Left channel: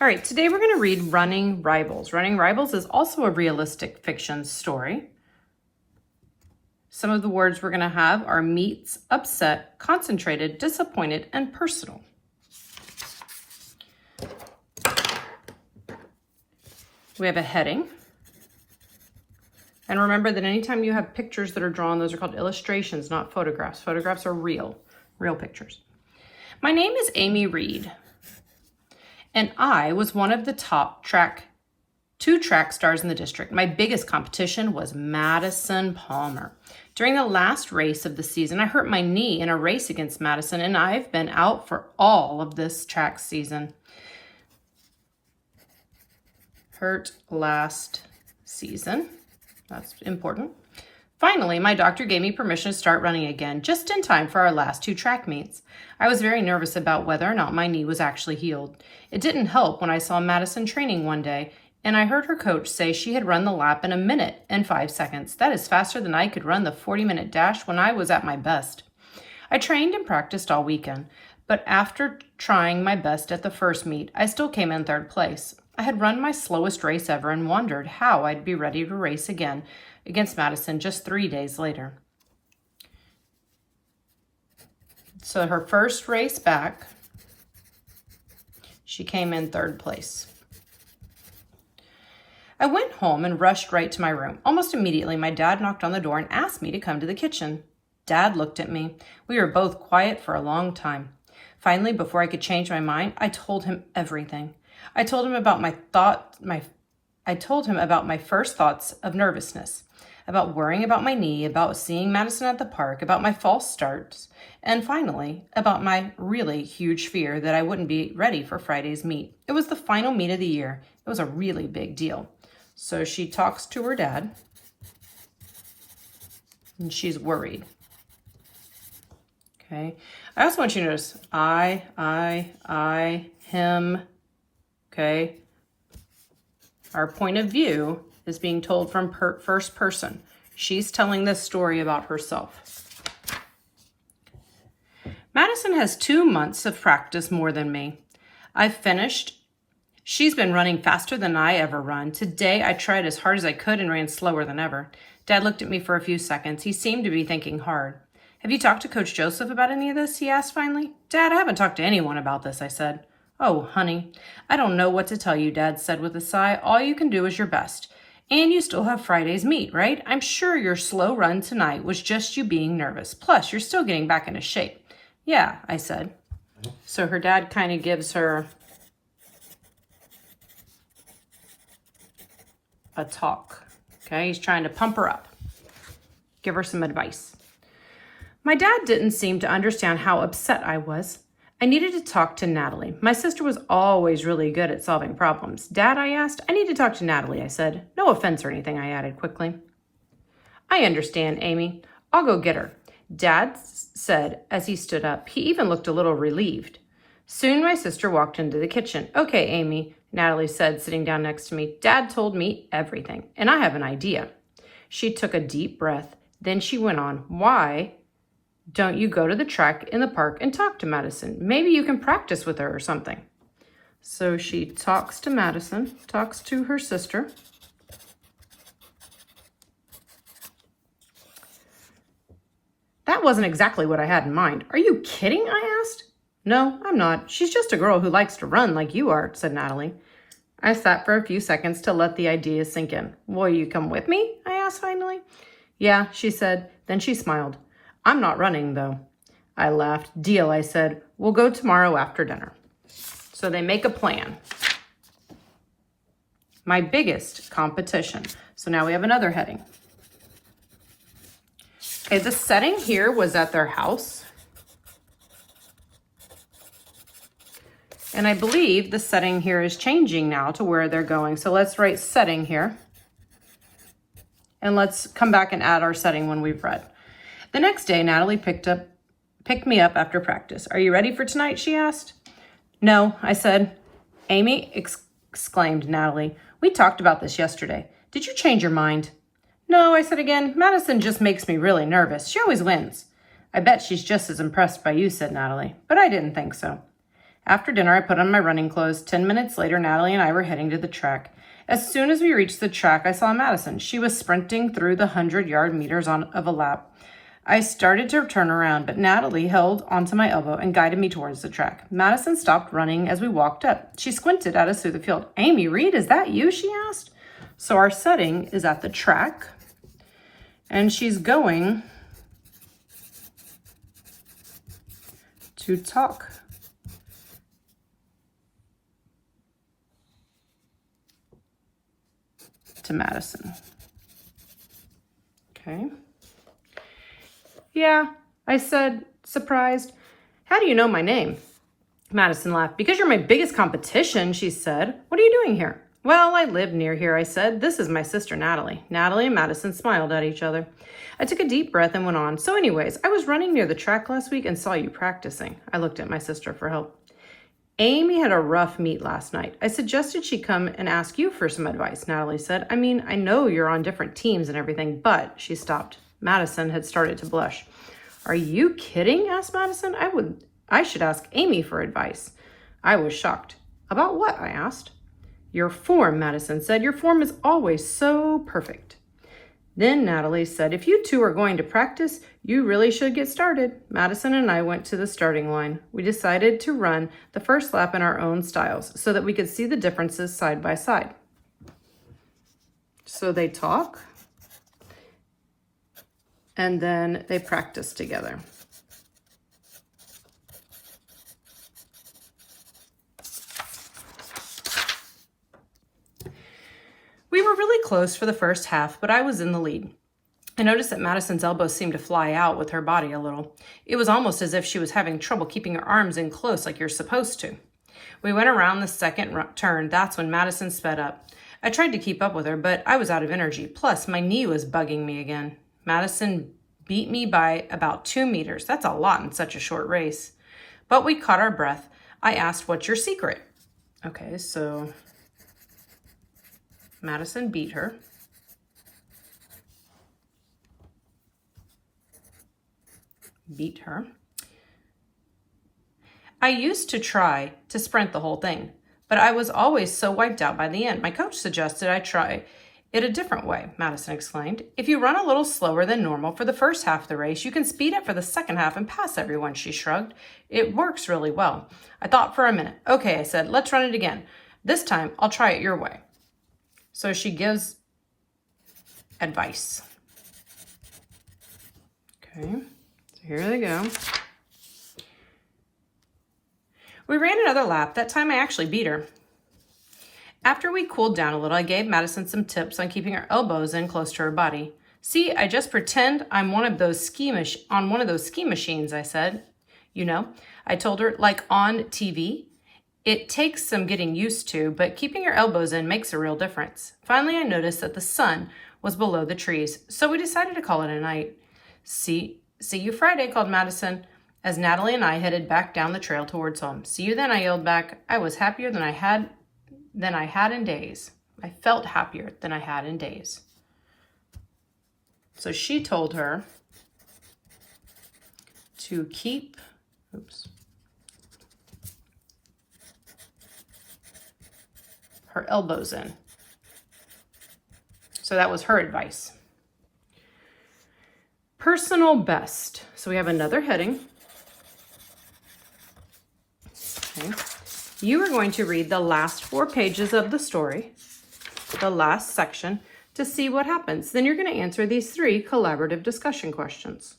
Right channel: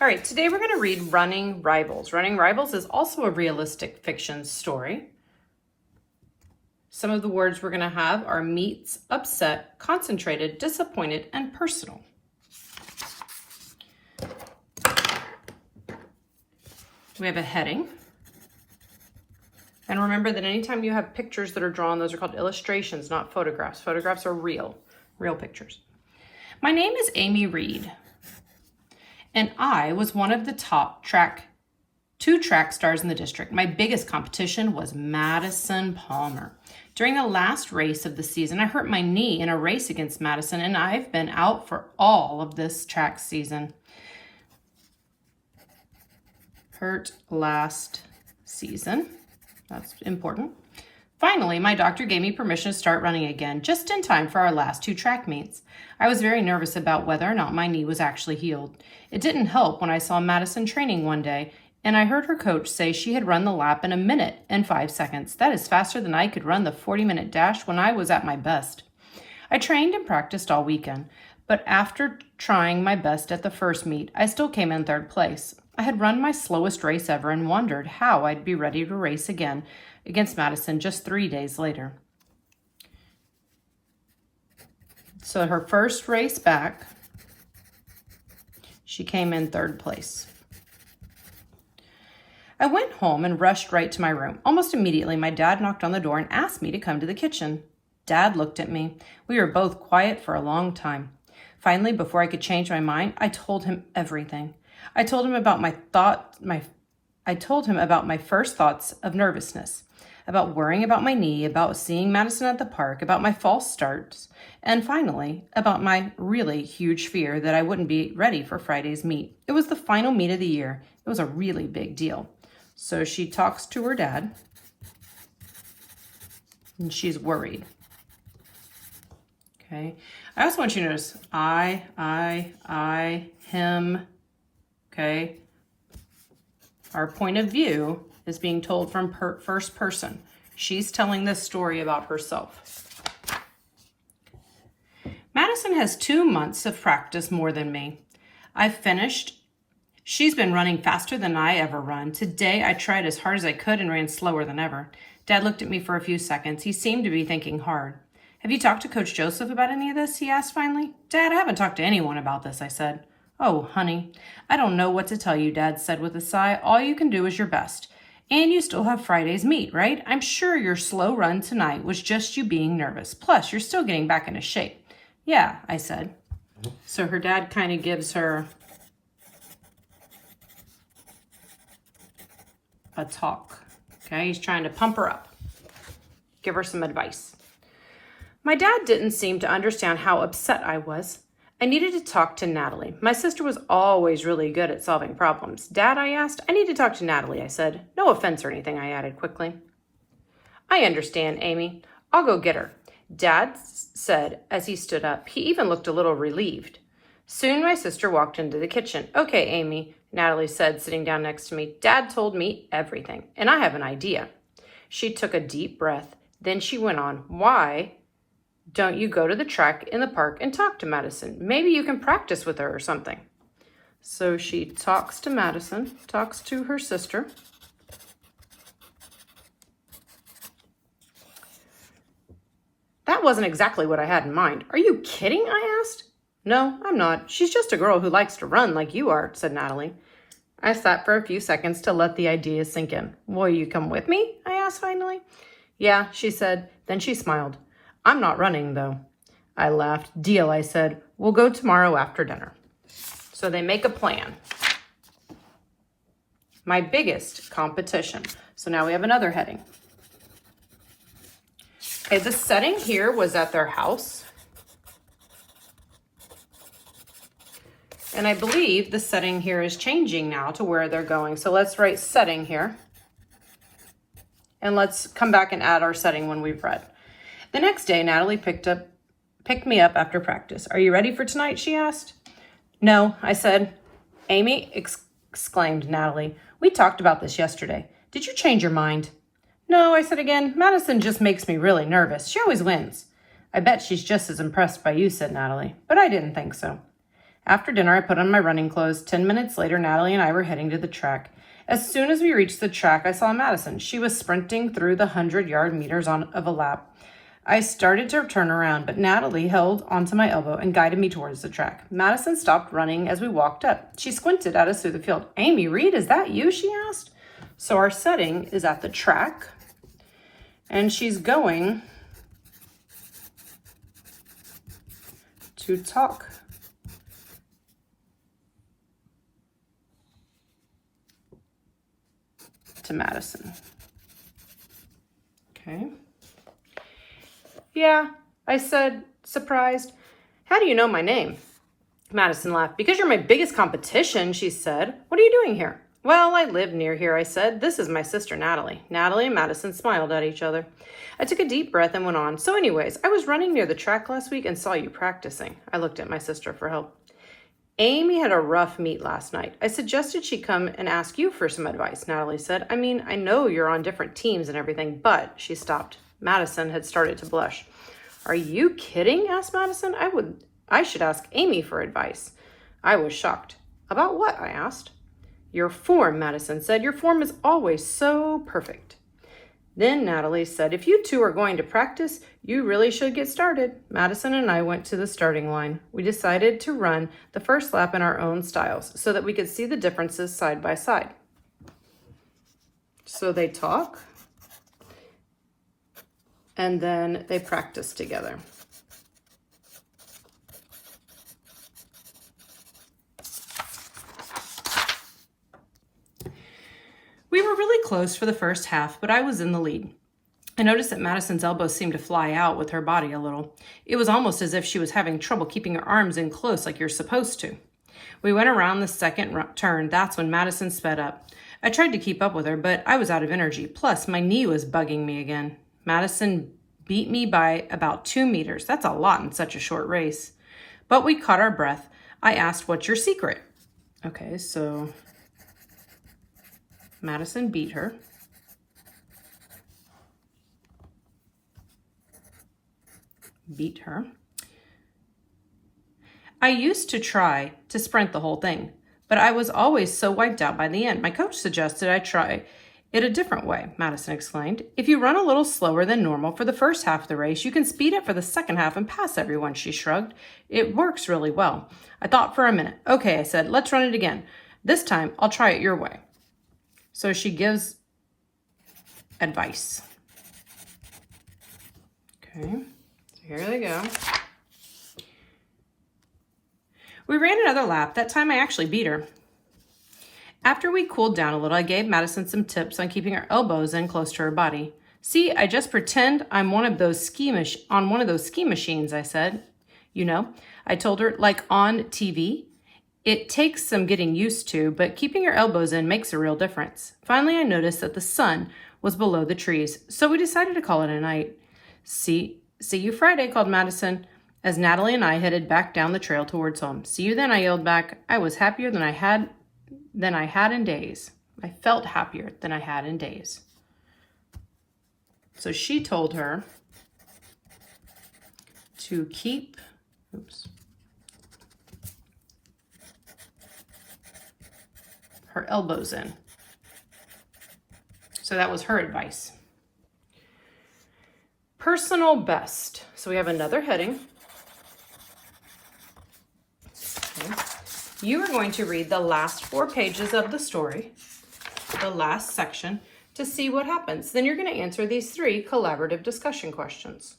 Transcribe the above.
All right, today we're going to read Running Rivals. Running Rivals is also a realistic fiction story. Some of the words we're going to have are meets, upset, concentrated, disappointed, and personal. We have a heading. And remember that anytime you have pictures that are drawn, those are called illustrations, not photographs. Photographs are real pictures. My name is Amy Reed, and I was one of the top two track stars in the district. My biggest competition was Madison Palmer. During the last race of the season, I hurt my knee in a race against Madison, and I've been out for all of this track season. Hurt last season. That's important. Finally, my doctor gave me permission to start running again, just in time for our last two track meets. I was very nervous about whether or not my knee was actually healed. It didn't help when I saw Madison training one day, and I heard her coach say she had run the lap in 1 minute and 5 seconds. That is faster than I could run the 40-minute dash when I was at my best. I trained and practiced all weekend, but after trying my best at the first meet, I still came in third place. I had run my slowest race ever and wondered how I'd be ready to race again against Madison just 3 days later. So her first race back, she came in third place. I went home and rushed right to my room. Almost immediately, my dad knocked on the door and asked me to come to the kitchen. Dad looked at me. We were both quiet for a long time. Finally, before I could change my mind, I told him everything. I told him about my first thoughts of nervousness, about worrying about my knee, about seeing Madison at the park, about my false starts, and finally, about my really huge fear that I wouldn't be ready for Friday's meet. It was the final meet of the year. It was a really big deal. So she talks to her dad, and she's worried. Okay. I also want you to notice I, him. Okay. Our point of view is being told from first person. She's telling this story about herself. Madison has 2 months of practice more than me. I've finished. She's been running faster than I ever run. Today, I tried as hard as I could and ran slower than ever. Dad looked at me for a few seconds. He seemed to be thinking hard. Have you talked to Coach Joseph about any of this? He asked finally. Dad, I haven't talked to anyone about this, I said. Oh, honey, I don't know what to tell you, Dad said with a sigh. All you can do is your best. And you still have Friday's meet, right? I'm sure your slow run tonight was just you being nervous. Plus, you're still getting back into shape. Yeah, I said. So her dad kind of gives her a talk. Okay, he's trying to pump her up. Give her some advice. My dad didn't seem to understand how upset I was. I needed to talk to Natalie. My sister was always really good at solving problems. Dad, I asked. I need to talk to Natalie, I said. No offense or anything, I added quickly. I understand, Amy. I'll go get her, Dad said as he stood up. He even looked a little relieved. Soon my sister walked into the kitchen. Okay, Amy, Natalie said, sitting down next to me. Dad told me everything, and I have an idea. She took a deep breath. Then she went on. Why don't you go to the track in the park and talk to Madison? Maybe you can practice with her or something. So she talks to Madison, talks to her sister. That wasn't exactly what I had in mind. Are you kidding? I asked. No, I'm not. She's just a girl who likes to run like you are, said Natalie. I sat for a few seconds to let the idea sink in. Will you come with me? I asked finally. Yeah, she said. Then she smiled. I'm not running, though. I laughed. Deal, I said. We'll go tomorrow after dinner. So they make a plan. My biggest competition. So now we have another heading. Okay, the setting here was at their house. And I believe the setting here is changing now to where they're going. So let's write setting here. And let's come back and add our setting when we've read. The next day, Natalie picked me up after practice. Are you ready for tonight, she asked. No, I said. Amy, exclaimed Natalie. We talked about this yesterday. Did you change your mind? No, I said again. Madison just makes me really nervous. She always wins. I bet she's just as impressed by you, said Natalie. But I didn't think so. After dinner, I put on my running clothes. 10 minutes later, Natalie and I were heading to the track. As soon as we reached the track, I saw Madison. She was sprinting through the 100-yard meters of a lap. I started to turn around, but Natalie held onto my elbow and guided me towards the track. Madison stopped running as we walked up. She squinted at us through the field. "Amy Reed, is that you?" she asked. So our setting is at the track, and she's going to talk to Madison. Okay. "Yeah," I said, surprised. "How do you know my name?" Madison laughed. "Because you're my biggest competition," she said. "What are you doing here?" "Well, I live near here," I said. "This is my sister, Natalie." Natalie and Madison smiled at each other. I took a deep breath and went on. "So anyways, I was running near the track last week and saw you practicing." I looked at my sister for help. "Amy had a rough meet last night. I suggested she come and ask you for some advice," Natalie said. "I mean, I know you're on different teams and everything, but," she stopped. Madison had started to blush. "Are you kidding?" asked Madison. I should ask Amy for advice." I was shocked. "About what?" I asked. "Your form," Madison said. "Your form is always so perfect." Then Natalie said, "If you two are going to practice, you really should get started." Madison and I went to the starting line. We decided to run the first lap in our own styles so that we could see the differences side by side. So they talk, and then they practice together. We were really close for the first half, but I was in the lead. I noticed that Madison's elbows seemed to fly out with her body a little. It was almost as if she was having trouble keeping her arms in close like you're supposed to. We went around the second turn. That's when Madison sped up. I tried to keep up with her, but I was out of energy. Plus, my knee was bugging me again. Madison beat me by about 2 meters. That's a lot in such a short race. But we caught our breath. I asked, "What's your secret?" Okay, so Madison beat her. Beat her. "I used to try to sprint the whole thing, but I was always so wiped out by the end. My coach suggested I try it a different way," Madison explained. "If you run a little slower than normal for the first half of the race, you can speed up for the second half and pass everyone," she shrugged. "It works really well." I thought for a minute. "Okay," I said, "let's run it again. This time, I'll try it your way." So she gives advice. Okay, so here they go. We ran another lap. That time I actually beat her. After we cooled down a little, I gave Madison some tips on keeping her elbows in close to her body. "See, I just pretend I'm on one of those ski machines," I said. "You know," I told her, "like on TV. It takes some getting used to, but keeping your elbows in makes a real difference." Finally, I noticed that the sun was below the trees, so we decided to call it a night. See you Friday," called Madison, as Natalie and I headed back down the trail towards home. "See you then," I yelled back. I was happier than I had in days. I felt happier than I had in days. So she told her to keep, her elbows in. So that was her advice. Personal best. So we have another heading. Okay. You are going to read the last 4 pages of the story, the last section, to see what happens. Then you're going to answer these 3 collaborative discussion questions.